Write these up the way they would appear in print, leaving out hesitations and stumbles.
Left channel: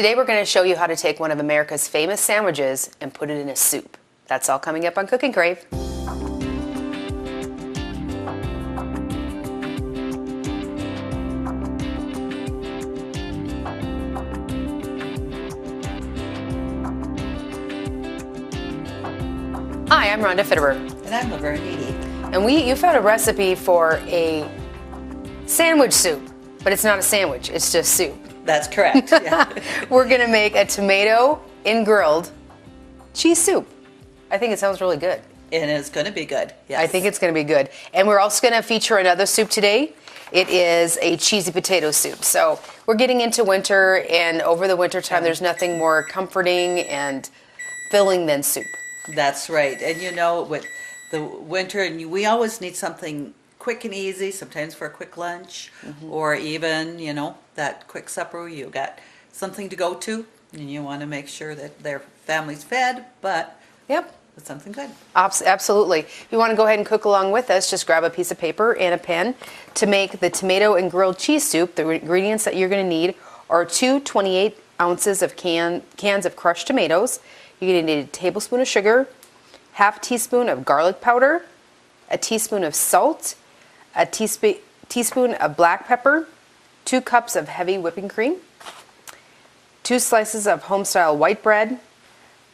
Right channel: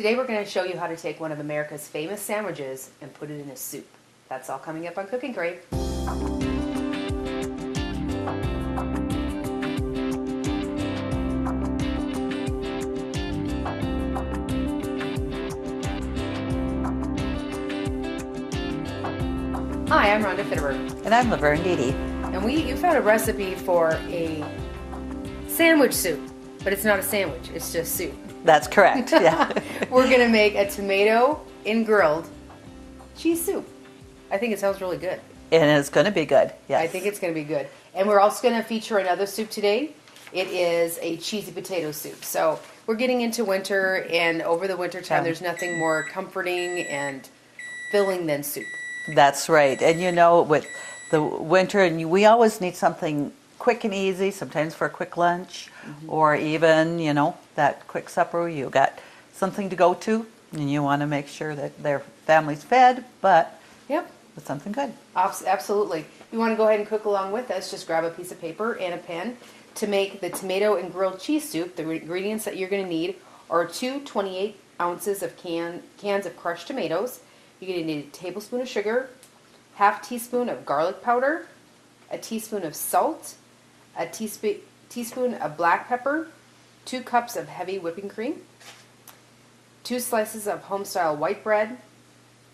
Today we're going to show you how to take one of America's famous sandwiches and put it in a soup. That's all coming up on Cooking Crave. Hi, I'm Rhonda And I'm Laverne. And you found a recipe for a sandwich soup, but it's not a sandwich, it's just soup. That's correct, yeah. We're gonna make a tomato in grilled cheese soup. I think it sounds really good. And it's gonna be good, yes. I think it's gonna be good. And we're also gonna feature another soup today. It is a cheesy potato soup. So we're getting into winter, and over the winter time, there's nothing more comforting and filling than soup. That's right. And you know, with the winter, and we always need something quick and easy, sometimes for a quick lunch, or even, you know, that quick supper. You got something to go to, and you want to make sure that their family's fed, but with something good. Absolutely. If you want to go ahead and cook along with us, just grab a piece of paper and a pen. To make the tomato and grilled cheese soup, the ingredients that you're going to need are 2 28 ounces of cans of crushed tomatoes. You're going to need a tablespoon of sugar, half teaspoon of garlic powder, a teaspoon of salt, a teaspoon of black pepper, 2 cups of heavy whipping cream, 2 slices of home-style white bread,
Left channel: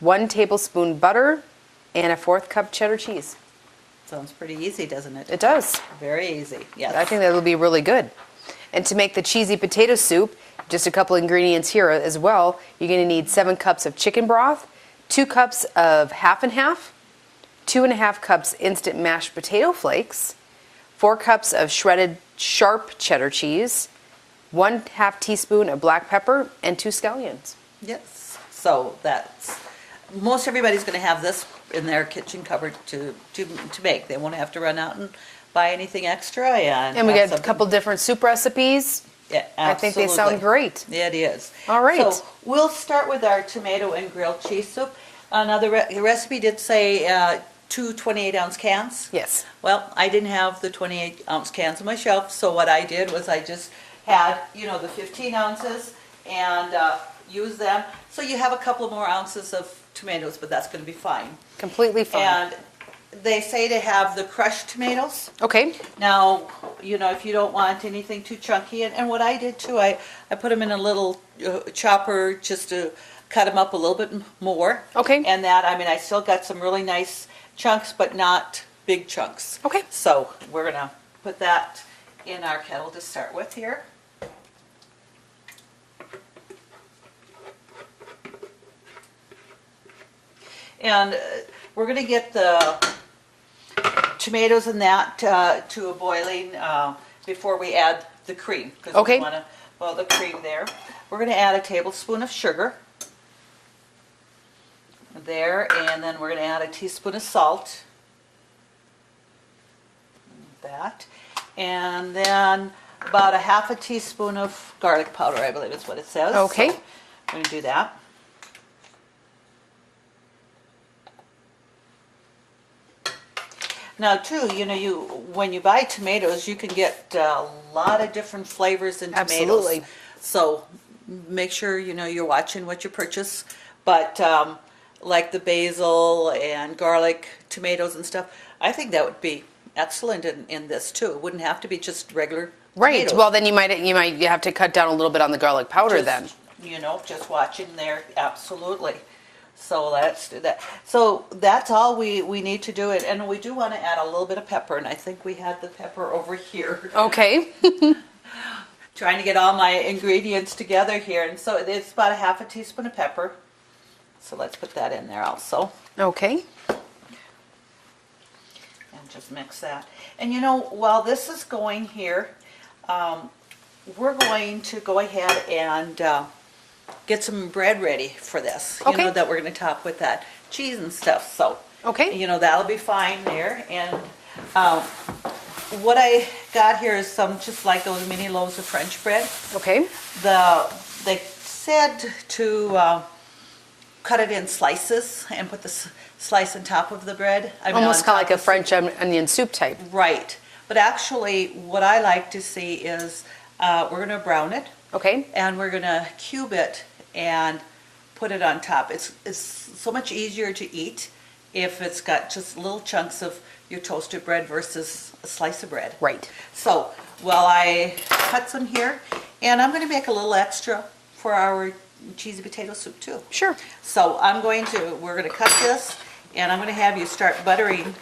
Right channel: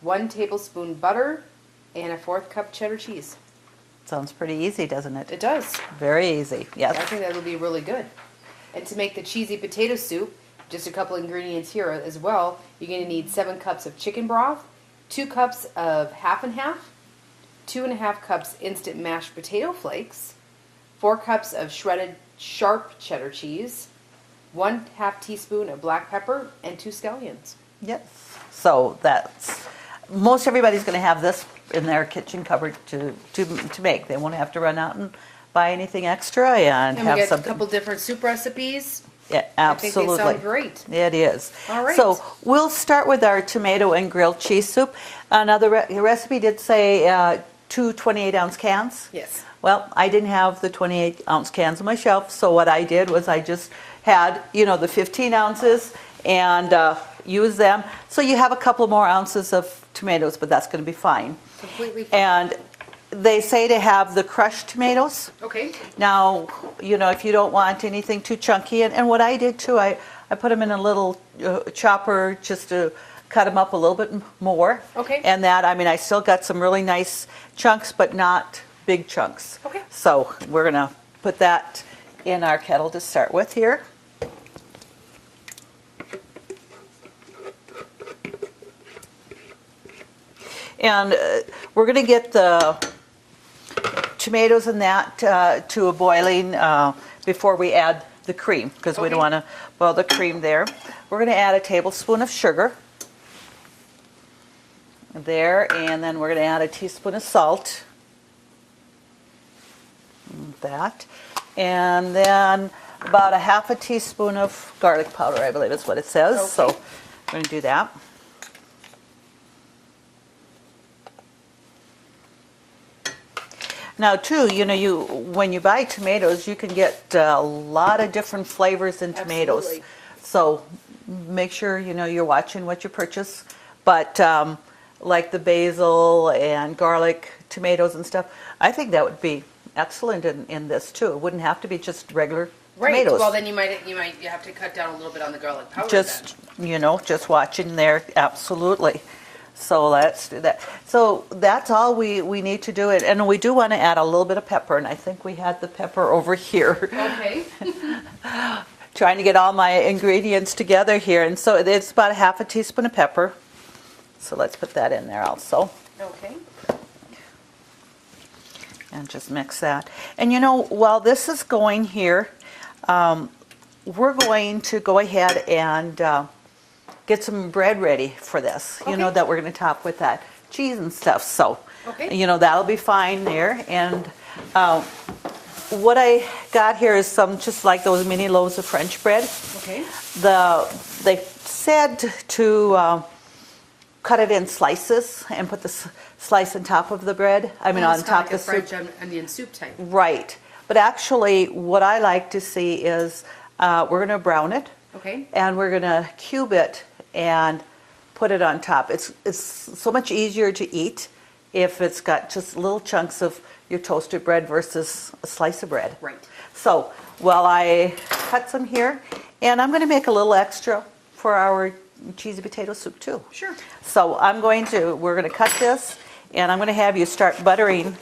1 tablespoon butter, and a 1/4 cup cheddar cheese. Sounds pretty easy, doesn't it? It does. Very easy, yes. I think that'll be really good. And to make the cheesy potato soup, just a couple ingredients here as well. You're going to need 7 cups of chicken broth, 2 cups of half and half, 2.5 cups instant mashed potato flakes, 4 cups of shredded sharp cheddar cheese, 1/2 teaspoon of black pepper, and 2 scallions. Yes. So that's, most everybody's going to have this in their kitchen cupboard to make. They won't have to run out and buy anything extra. And we got a couple different soup recipes. Yeah, absolutely. I think they sound great. It is. All right. So we'll start with our tomato and grilled cheese soup. Now the recipe did say 2 28-ounce cans. Yes. Well, I didn't have the 28-ounce cans on my shelf, so what I did was I just had, you know, the 15 ounces and used them. So you have a couple more ounces of tomatoes, but that's going to be fine. Completely fine. And they say to have the crushed tomatoes. Okay. Now, you know, if you don't want anything too chunky, and what I did too, I put them in a little chopper just to cut them up a little bit more. Okay. And that, I mean, I still got some really nice chunks, but not big chunks. Okay. So we're going to put that in our kettle to start with here. And we're going to get the tomatoes and that to a boiling before we add the cream, because we don't want to boil the cream there. We're going to add a tablespoon of sugar there, and then we're going to add a teaspoon of salt. That. And then about a 1/2 teaspoon of garlic powder, I believe is what it says. Okay. So we're going to do that. Now, too, you know, when you buy tomatoes, you can get a lot of different flavors in tomatoes. Absolutely. So make sure, you know, you're watching what you purchase. But like the basil and garlic tomatoes and stuff, I think that would be excellent in this too. It wouldn't have to be just regular tomatoes. Well, then you might have to cut down a little bit on the garlic powder then. You know, just watching there, absolutely. So let's do that. So that's all we need to do. And we do want to add a little bit of pepper, and I think we had the pepper over here. Okay. Trying to get all my ingredients together here. And so it's about a 1/2 teaspoon of pepper. So let's put that in there also. Okay. And just mix that. And you know, while this is going here, we're going to go ahead and get some bread ready for this. You know, that we're going to top with that cheese and stuff. So, you know, that'll be fine there. And what I got here is some, just like those mini loaves of French bread. Okay. They said to cut it in slices and put the slice on top of the bread. I mean, almost kind of like a French soup. onion soup type. Right. But actually, what I like to see is we're going to brown it. Okay. And we're going to cube it and put it on top. It's so much easier to eat if it's got just little chunks of your toasted bread versus a slice of bread. Right. So, well, I cut some here, and I'm going to make a little extra for our cheesy potato soup too. Sure. So we're going to cut this, and I'm going to have you start buttering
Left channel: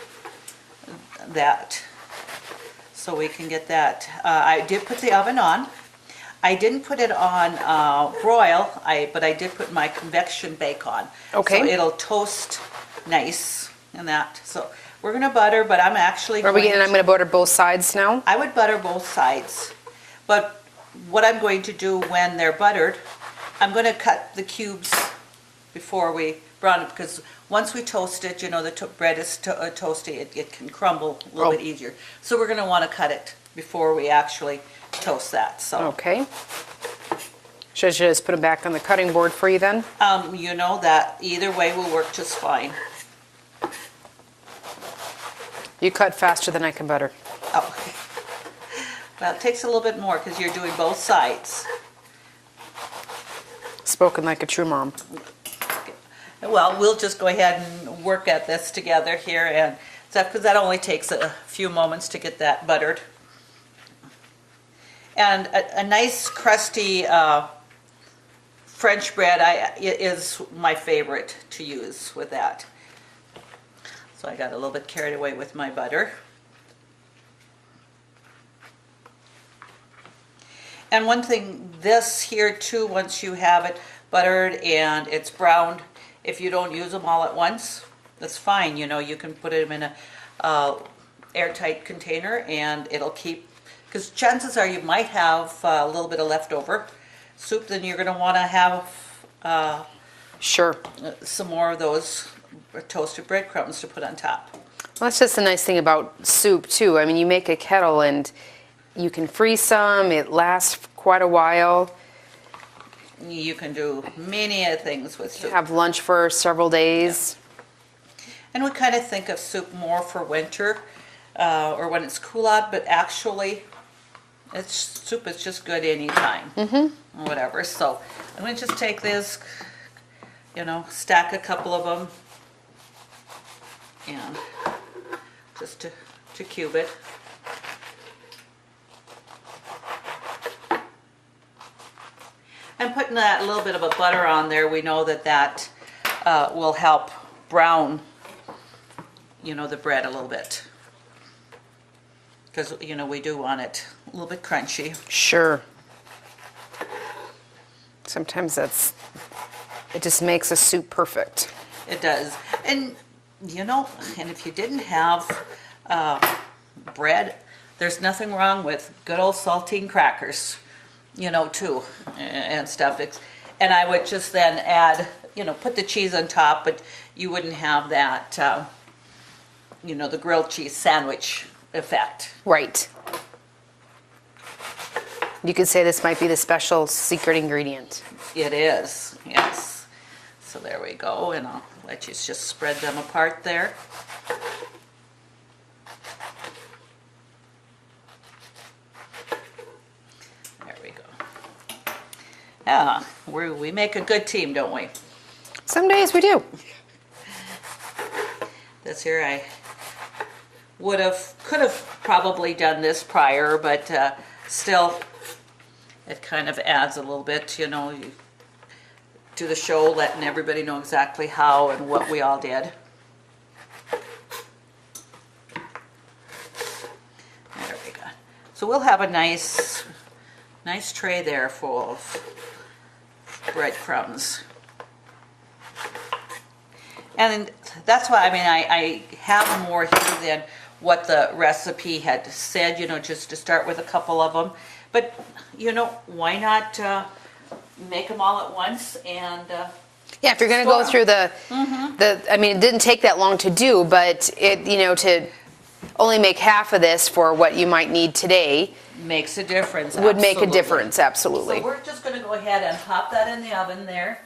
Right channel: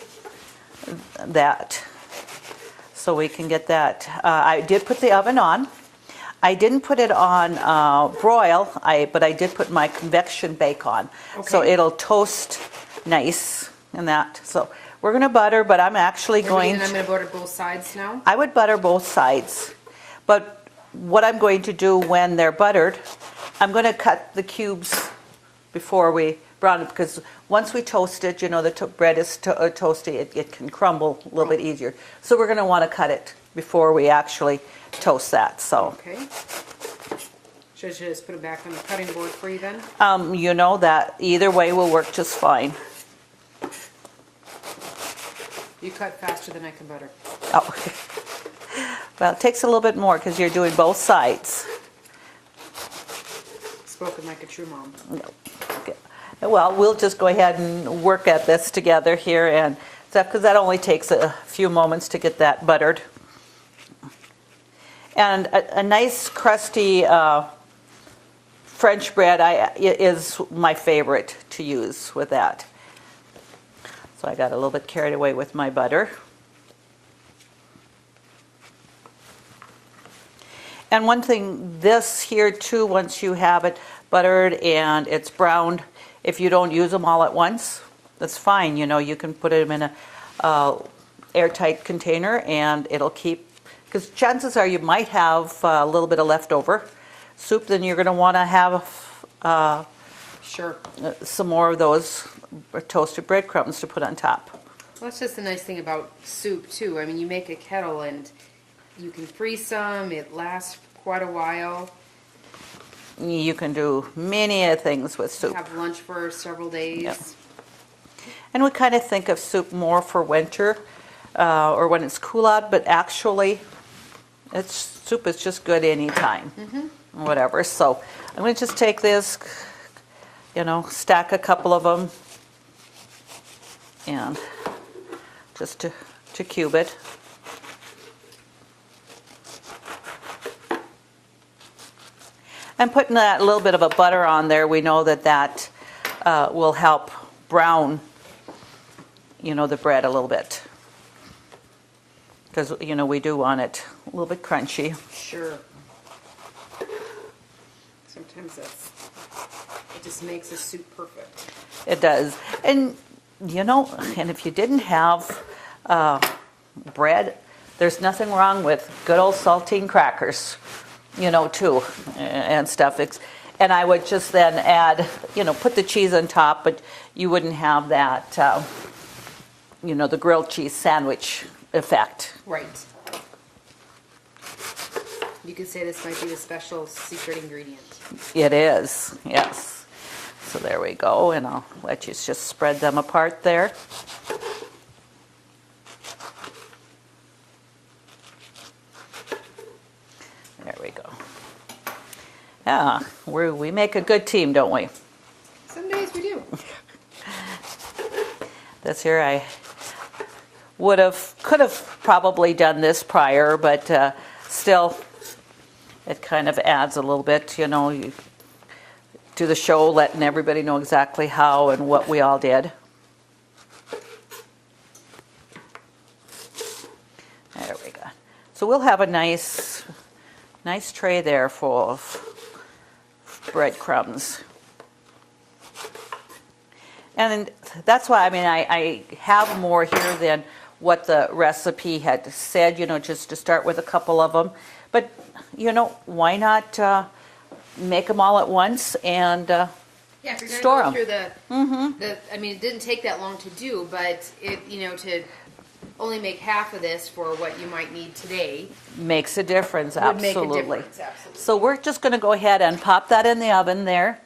that so we can get that. I did put the oven on. I didn't put it on broil, but I did put my convection bake on. Okay. So it'll toast nice and that. So we're going to butter, but I'm actually I'm going to butter both sides now. I would butter both sides. But what I'm going to do when they're buttered, I'm going to cut the cubes before we brown it, because once we toast it, you know, the bread is toasty, it can crumble a little bit easier. So we're going to want to cut it before we actually toast that. So Okay. Should I just put them back on the cutting board for you then? you know, that either way will work just fine. You cut faster than I can butter. Oh. Well, it takes a little bit more because you're doing both sides. Spoken like a true mom. Well, we'll just go ahead and work at this together here, and because that only takes a few moments to get that buttered. And a nice crusty French bread is my favorite to use with that. So I got a little bit carried away with my butter. And one thing, this here too, once you have it buttered and it's browned, if you don't use them all at once, that's fine. You know, you can put them in a airtight container and it'll keep, because chances are you might have a little bit of leftover soup, then you're going to want to have Sure. some more of those toasted breadcrumbs to put on top. Well, that's just the nice thing about soup too. I mean, you make a kettle and you can freeze some. It lasts quite a while. You can do many things with soup. Have lunch for several days. And we kind of think of soup more for winter or when it's cool out, but actually soup is just good anytime. Whatever. So I'm going to just take this, you know, stack a couple of them and just to cube it. And putting that little bit of a butter on there, we know that will help brown, you know, the bread a little bit. Because, you know, we do want it a little bit crunchy. Sure. Sometimes it just makes a soup perfect. It does. And, you know, and if you didn't have bread, there's nothing wrong with good old saltine crackers, you know, too, and stuff. And I would just then add, you know, put the cheese on top, but you wouldn't have that, you know, the grilled cheese sandwich effect. Right. You could say this might be the special secret ingredient. It is, yes. So there we go, and I'll let you just spread them apart there. There we go. Yeah, we make a good team, don't we? Some days we do. This here I could have probably done this prior, but still, it kind of adds a little bit, you know, you do the show, letting everybody know exactly how and what we all did. There we go. So we'll have a nice tray there full of breadcrumbs. And that's why, I mean, I have more here than what the recipe had said, you know, just to start with a couple of them. But, you know, why not make them all at once and Yeah, if you're going to store go 'em. through I mean, it didn't take that long to do, but it, you know, to only make half of this for what you might need today makes a difference. would make a absolutely. difference, absolutely. So we're just going to go ahead and pop that in the oven there.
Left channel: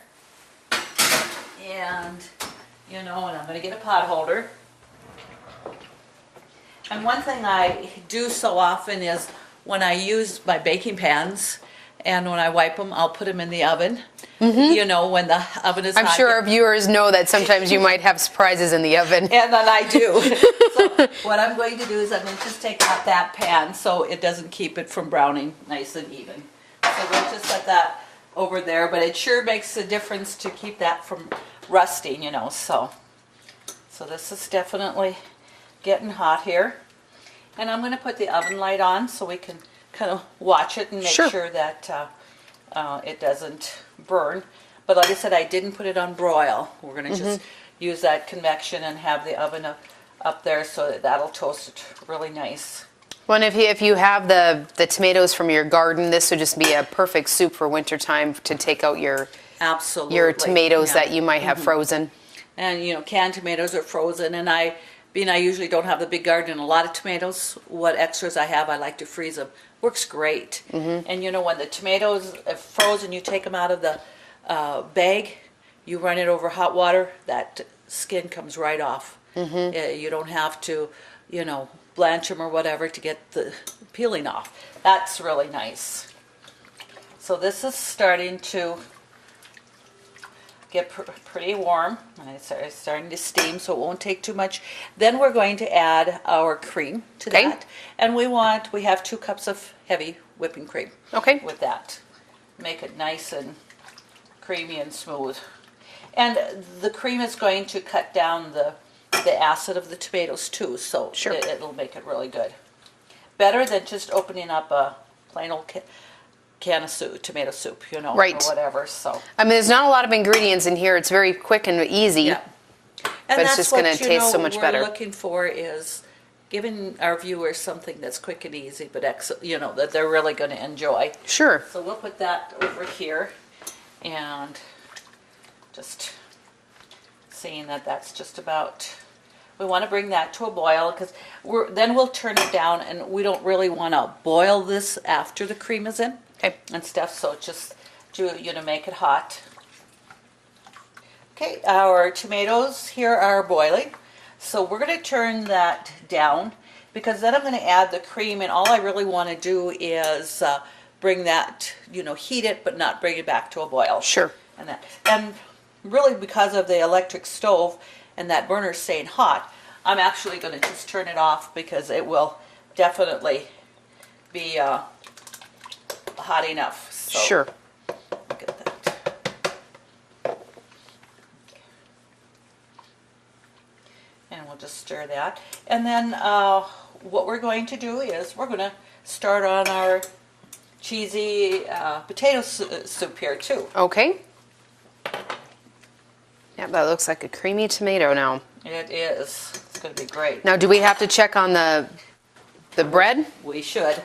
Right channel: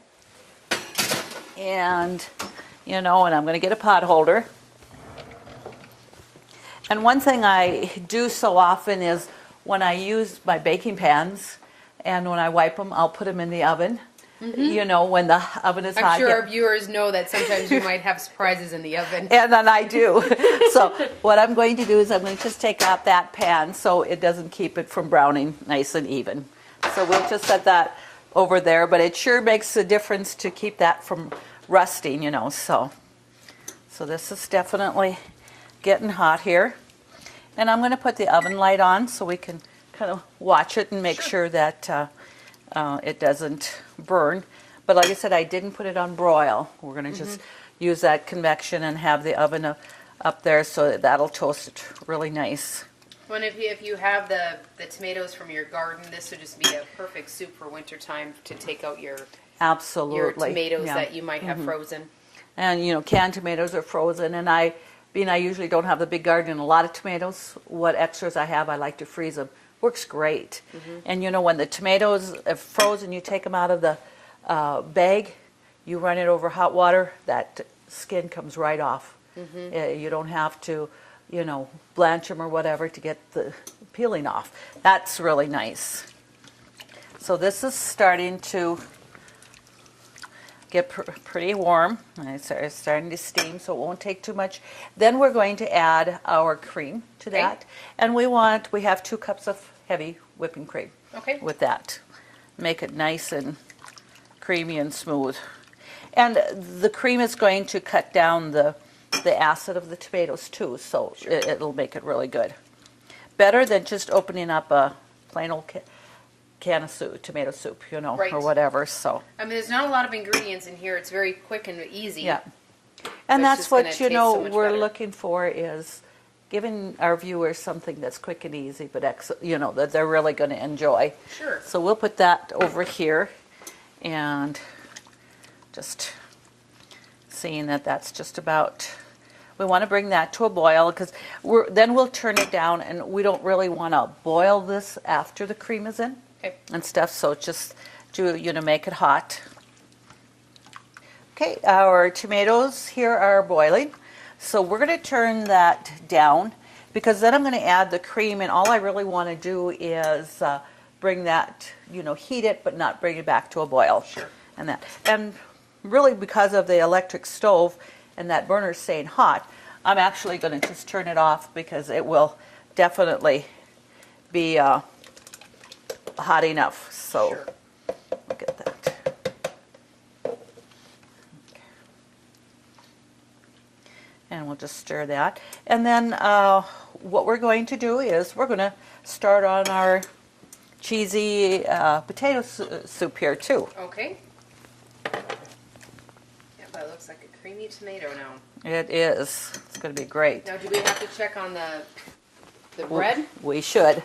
And, you know, and I'm going to get a pot holder. And one thing I do so often is when I use my baking pans and when I wipe them, I'll put them in the oven. you know, when the oven is hot. I'm sure our viewers know that sometimes you might have surprises in the oven. And then I do. So what I'm going to do is I'm going to just take out that pan so it doesn't keep it from browning nice and even. So we'll just set that over there, but it sure makes a difference to keep that from rusting, you know. So this is definitely getting hot here. And I'm going to put the oven light on so we can kind of watch it and make sure that it doesn't burn. But like I said, I didn't put it on broil. We're going to just use that convection and have the oven up there so that that'll toast it really nice. Well, and if you have the tomatoes from your garden, this would just be a perfect soup for wintertime to take out your tomatoes that you might have frozen. And you know, canned tomatoes are frozen, and I usually don't have the big garden and a lot of tomatoes. What extras I have, I like to freeze them. Works great. And you know, when the tomatoes are frozen, you take them out of the bag, you run it over hot water, that skin comes right off. You don't have to, you know, blanch them or whatever to get the peeling off. That's really nice. So this is starting to get pretty warm. It's starting to steam, so it won't take too much. Then we're going to add our cream to that. And we have 2 cups of heavy whipping cream with that. Make it nice and creamy and smooth. And the cream is going to cut down the acid of the tomatoes too, so it'll make it really good. Better than just opening up a plain old can of soup, tomato soup, you know, or whatever. So I mean, there's not a lot of ingredients in here. It's very quick and easy. Yeah. But And it's that's just what going to taste so much we're better. looking for is giving our viewers something that's quick and easy, but you know, that they're really going to enjoy. Sure. So we'll put that over here, and just seeing that that's just about. We want to bring that to a boil because then we'll turn it down, and we don't really want to boil this after the cream is in and stuff. So just to make it hot. Okay, our tomatoes here are boiling, so we're going to turn that down because then I'm going to add the cream, and all I really want to do is bring that, heat it, but not bring it back to a boil. Sure. And really, because of the electric stove and that burner staying hot, I'm actually going to just turn it off because it will definitely be hot enough. So sure. Look at that. And we'll just stir that. And then what we're going to do is we're going to start on our cheesy potato soup here too. Okay. Yeah, that looks like a creamy tomato now. It is. It's going to be great. Now, do we have to check on the bread? We should.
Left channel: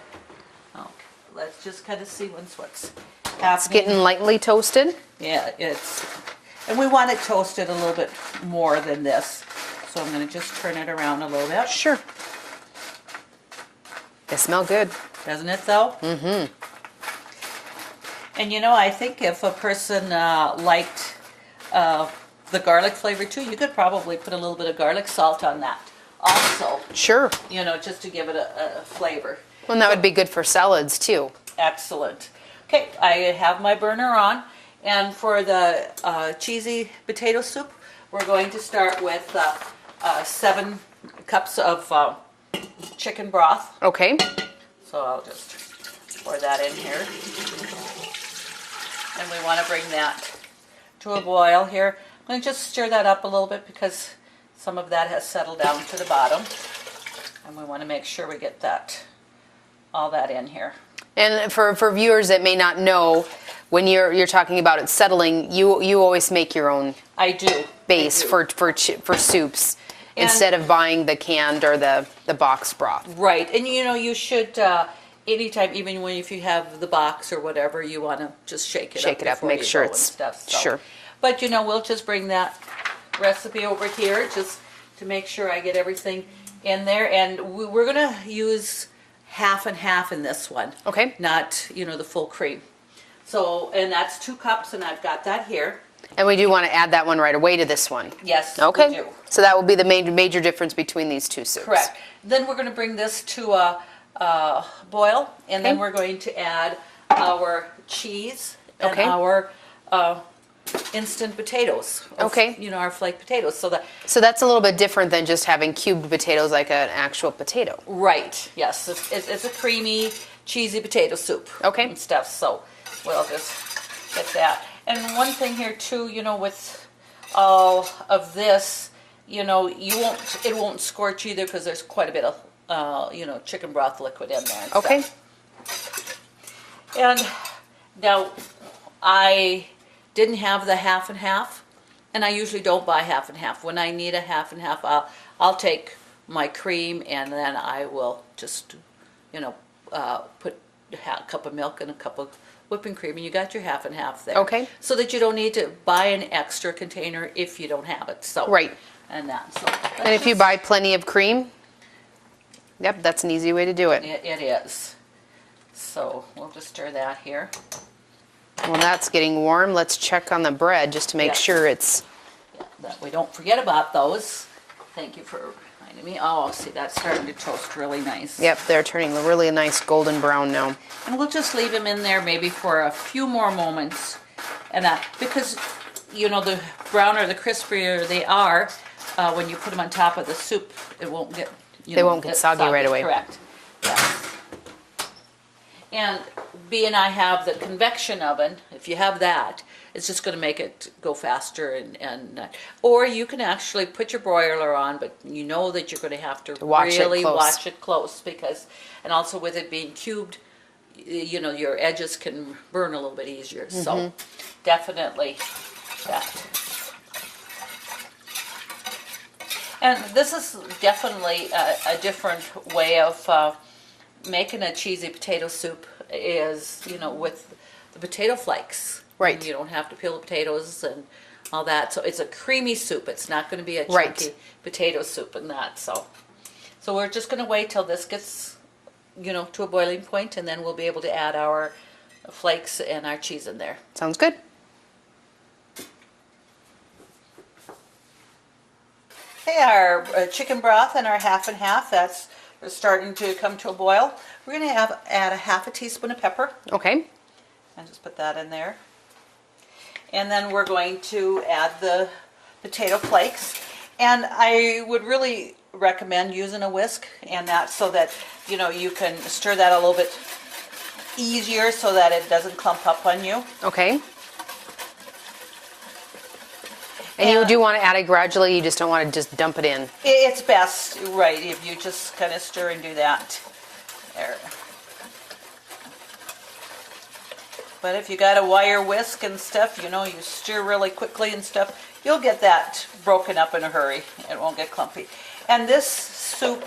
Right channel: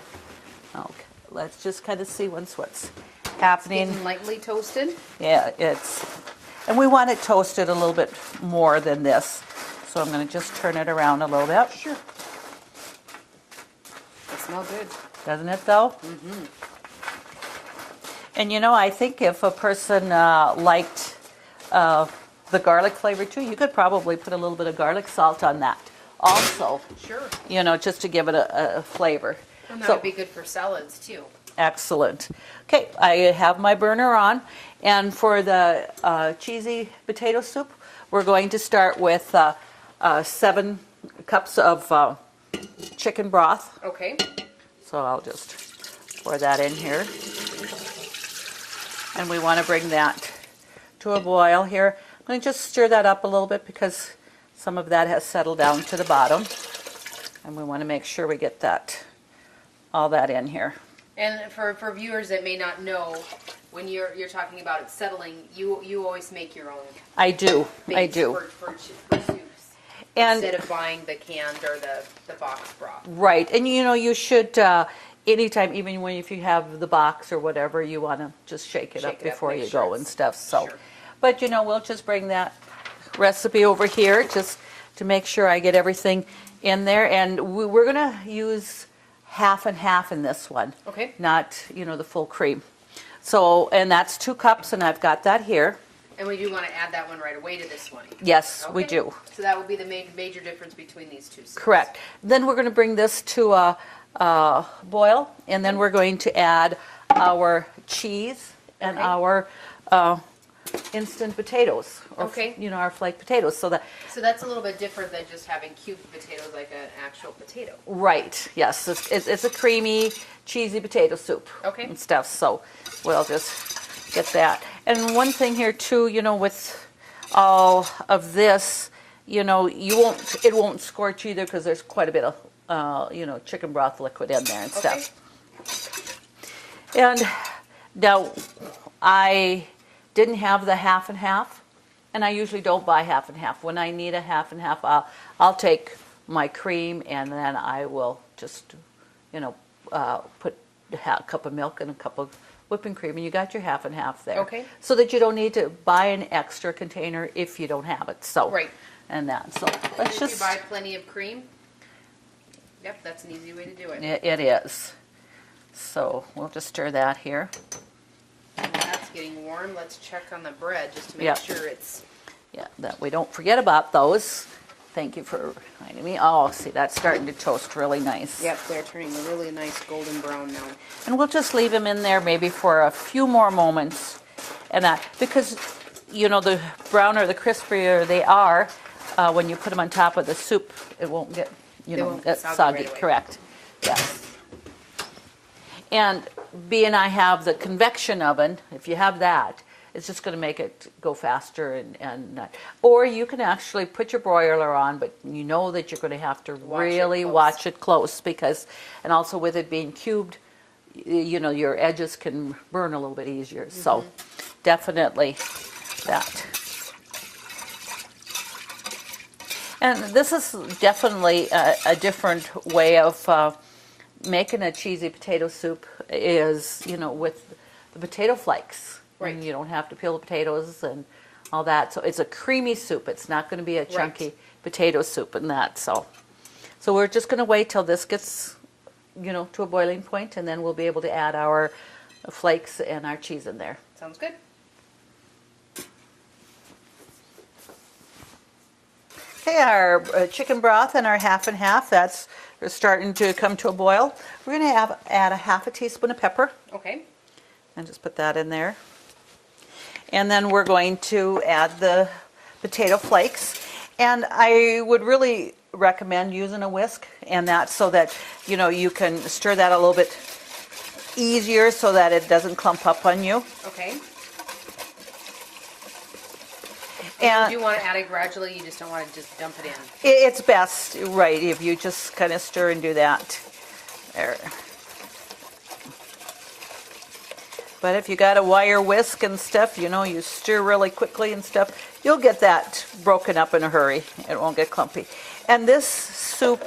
Okay. Let's just kind of see what's happening. It's getting lightly toasted. Yeah, and we want it toasted a little bit more than this. So I'm going to just turn it around a little bit. Sure. They smell good. Doesn't it though? Mm-hmm. And I think if a person liked the garlic flavor too, you could probably put a little bit of garlic salt on that also. Sure. Just to give it a flavor. Well, and that would be good for salads too. Excellent. Okay, I have my burner on, and for the cheesy potato soup, we're going to start with 7 cups of chicken broth. Okay. So I'll just pour that in here. And we want to bring that to a boil here. I'm going to just stir that up a little bit because some of that has settled down to the bottom. And we want to make sure we get all that in here. And for viewers that may not know, when you're talking about it settling, you always make your own base for soups instead of buying the canned or the box broth. Right, and you should anytime, even if you have the box or whatever, you want to just shake it up before make you sure go it's and stuff. So. sure. But we'll just bring that recipe over here just to make sure I get everything in there, and we're going to use half and half in this one. Okay. Not, the full cream. So, and that's 2 cups, and I've got that here. And we do want to add that one right away to this one. Yes, okay. we do. So that will be the major difference between these two soups. Correct. Then we're going to bring this to a boil, and then we're going to add our cheese and our instant potatoes. Or, Okay. You know, our flaked potatoes. So that So that's a little bit different than just having cubed potatoes like an actual potato. right, yes, it's a creamy, cheesy potato soup. Okay. And stuff. So we'll just get that. And one thing here too, you know, with all of this, you know, it won't scorch either because there's quite a bit of you know, chicken broth liquid in there and Okay. stuff. And now I didn't have the half and half, and I usually don't buy half and half. When I need a half and half, I'll take my cream and then I will just, you know, put a cup of milk and a cup of whipping cream, and you got your half and half there. Okay. So that you don't need to buy an extra container if you don't have it. So Right. And that. So And if you buy plenty of cream, yep, that's an easy way to do it. it is. So we'll just stir that here. Well, that's getting warm. Let's check on the bread just to make Yep. sure it's... Yeah, that we don't forget about those. Thank you for reminding me. Oh, see, that's starting to toast really nice. Yep, they're turning really nice golden brown now. And we'll just leave them in there maybe for a few more moments. And because, you know, the browner, the crispier they are, when you put them on top of the soup, it won't get, They won't get soggy right away. Correct. Yes. And being I have the convection oven, if you have that, it's just going to make it go faster or you can actually put your broiler on, but you know that you're going to have to Watch it really close. watch it close because, and also with it being cubed, you know, your edges can burn a little bit easier. So definitely that. And this is definitely a different way of making a cheesy potato soup is, you know, with the potato flakes. Right. And you don't have to peel the potatoes and all that. So it's a creamy soup. It's not going to be a chunky Right. potato soup and that. So we're just going to wait till this gets, you know, to a boiling point, and then we'll be able to add our flakes and our cheese in there. Sounds good. Okay, our chicken broth and our half and half, that's starting to come to a boil. We're going to add a half a teaspoon of pepper, Okay. and just put that in there. And then we're going to add the potato flakes. And I would really recommend using a whisk, and that so that, you know, you can stir that a little bit easier so that it doesn't clump up on you. Okay. And you do want to add it gradually, you just don't want to just dump it in. It's best, right, if you just kind of stir and do that. There. But if you got a wire whisk and stuff, you know, you stir really quickly and stuff, you'll get that broken up in a hurry. It won't get clumpy. And this soup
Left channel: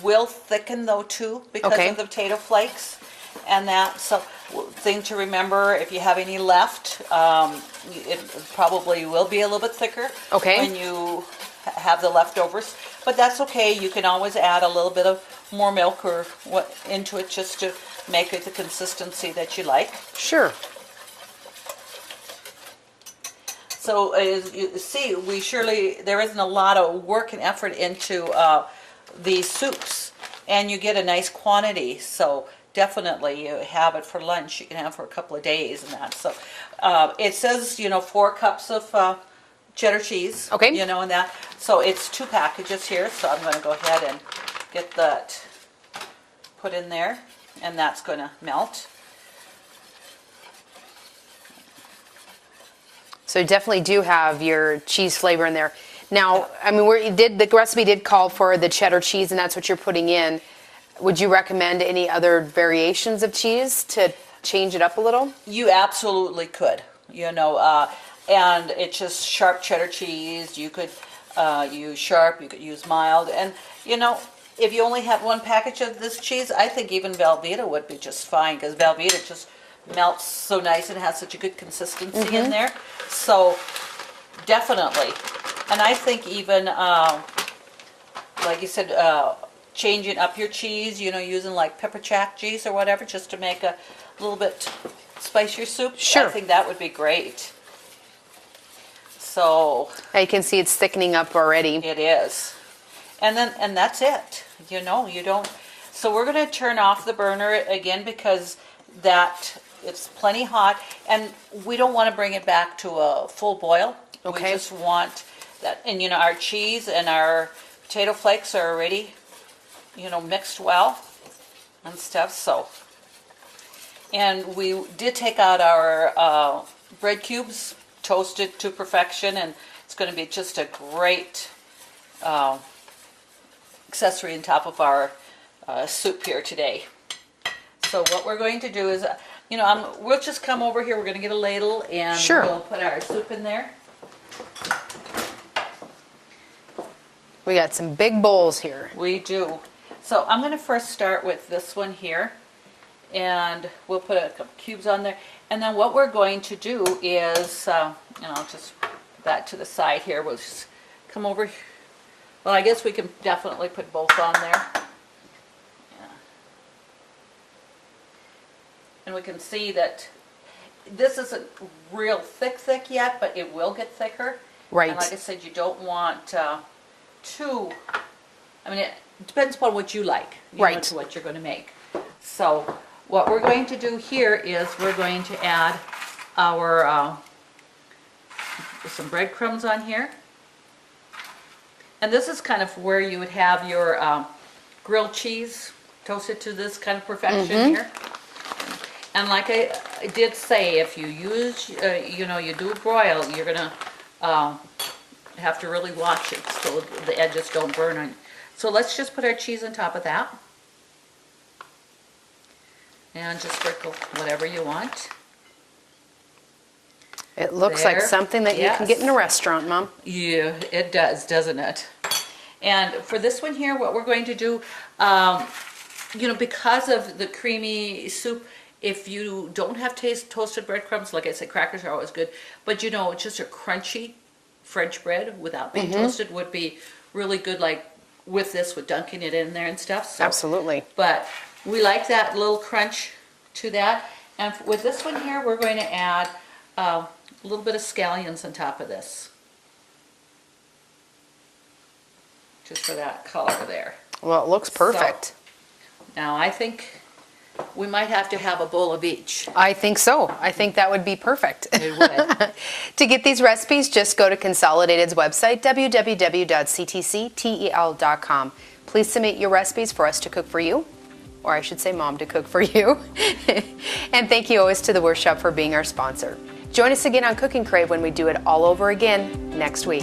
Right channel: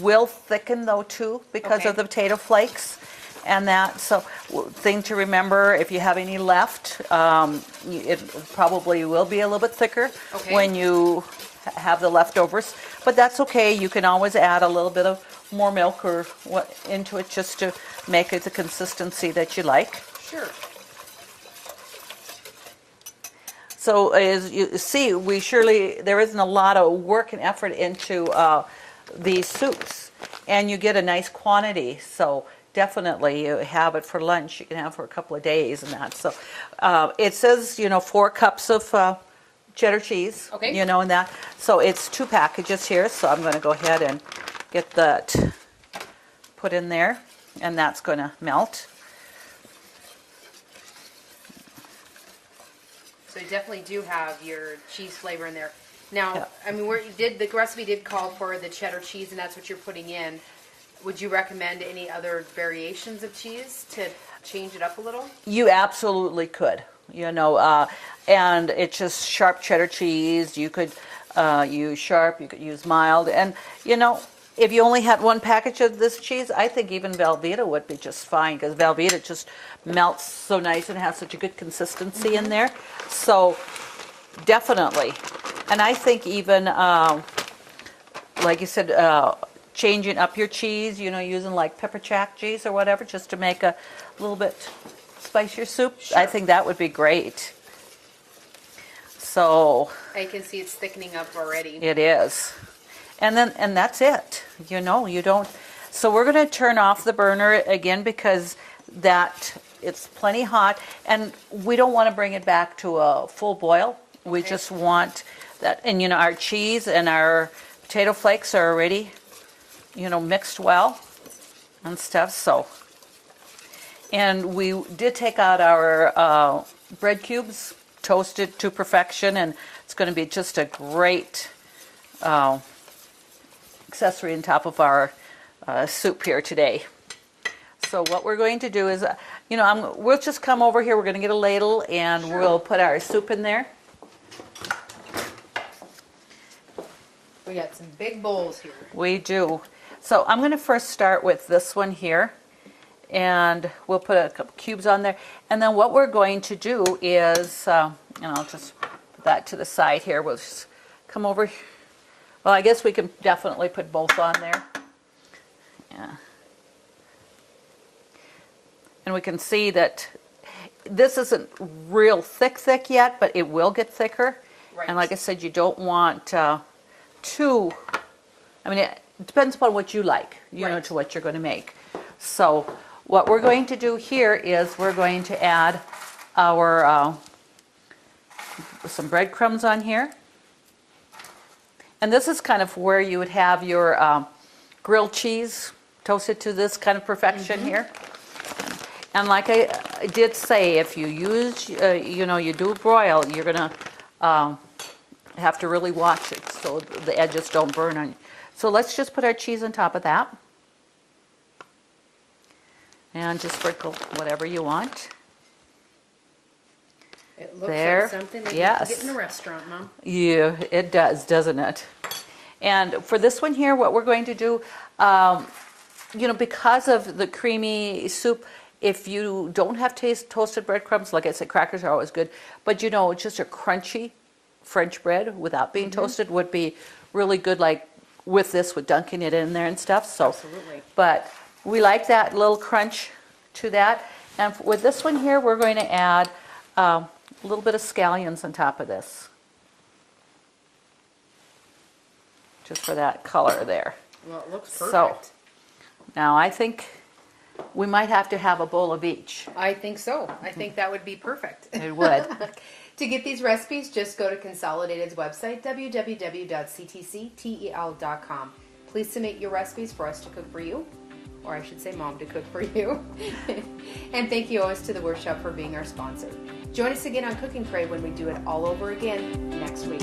will thicken though too because Okay. of the potato flakes and that. So thing to remember, if you have any left, it probably will be a little bit thicker Okay. when you have the leftovers. But that's okay. You can always add a little bit of more milk or what into it just to make it the consistency that you like. Sure. So as you see, there isn't a lot of work and effort into these soups, and you get a nice quantity. So definitely you have it for lunch. You can have it for a couple of days and that. So it says, you know, 4 cups of cheddar cheese. Okay. You know, and that. So it's 2 packages here. So I'm going to go ahead and get that put in there, and that's going to melt. So you definitely do have your cheese flavor in there. Now, I mean, the recipe did call for the cheddar cheese, and that's what you're putting in. Would you recommend any other variations of cheese to change it up a little? You absolutely could, you know, and it's just sharp cheddar cheese. You could use sharp, you could use mild, and you know, if you only had 1 package of this cheese, I think even Velveeta would be just fine because Velveeta just melts so nice and has such a good consistency in there. So definitely, and I think even like you said, changing up your cheese, you know, using like pepper jack cheese or whatever, just to make a little bit spicier soup. Sure. I think that would be great. So Now you can see it's thickening up already. it is. And that's it. You know, you don't. So we're going to turn off the burner again because that it's plenty hot, and we don't want to bring it back to a full boil. We Okay. just want that, and our cheese and our potato flakes are already, mixed well and stuff. So, and we did take out our bread cubes, toasted to perfection, and it's going to be just a great accessory on top of our soup here today. So what we're going to do is, we'll just come over here. We're going to get a ladle, and Sure. we'll put our soup in there. We got some big bowls here. We do. So I'm going to first start with this one here, and we'll put a couple cubes on there. And then what we're going to do is, I'll just put that to the side here. We'll just come over. Well, I guess we can definitely put both on there. Yeah. And we can see that this isn't real thick yet, but it will get thicker. Right. And like I said, you don't want too, it depends upon what you like, Right. to what you're going to make. So what we're going to do here is we're going to add our some breadcrumbs on here. And this is kind of where you would have your grilled cheese toasted to this kind of perfection here. And like I did say, if you use, you do broil, you're going to have to really watch it so the edges don't burn on. So let's just put our cheese on top of that. And just sprinkle whatever you want. It looks There. like something that you can get in a restaurant, Mom. Yeah, it does, doesn't it? And for this one here, what we're going to do, because of the creamy soup, if you don't have toasted breadcrumbs, like I said, crackers are always good, but just a crunchy French bread without being toasted would be really good, like with this, with dunking it in there and stuff. So, Absolutely. but we like that little crunch to that. And with this one here, we're going to add a little bit of scallions on top of this. Just for that color there. Well, it looks perfect. Now I think we might have to have a bowl of each. I think so. I think that would be perfect. It would. To get these recipes, just go to Consolidated's website, www.ctctel.com. Please submit your recipes for us to cook for you, or I should say Mom to cook for you. And thank you always to the Workshop for being our sponsor. Join us again on Cooking Crave when we do it all over again next week.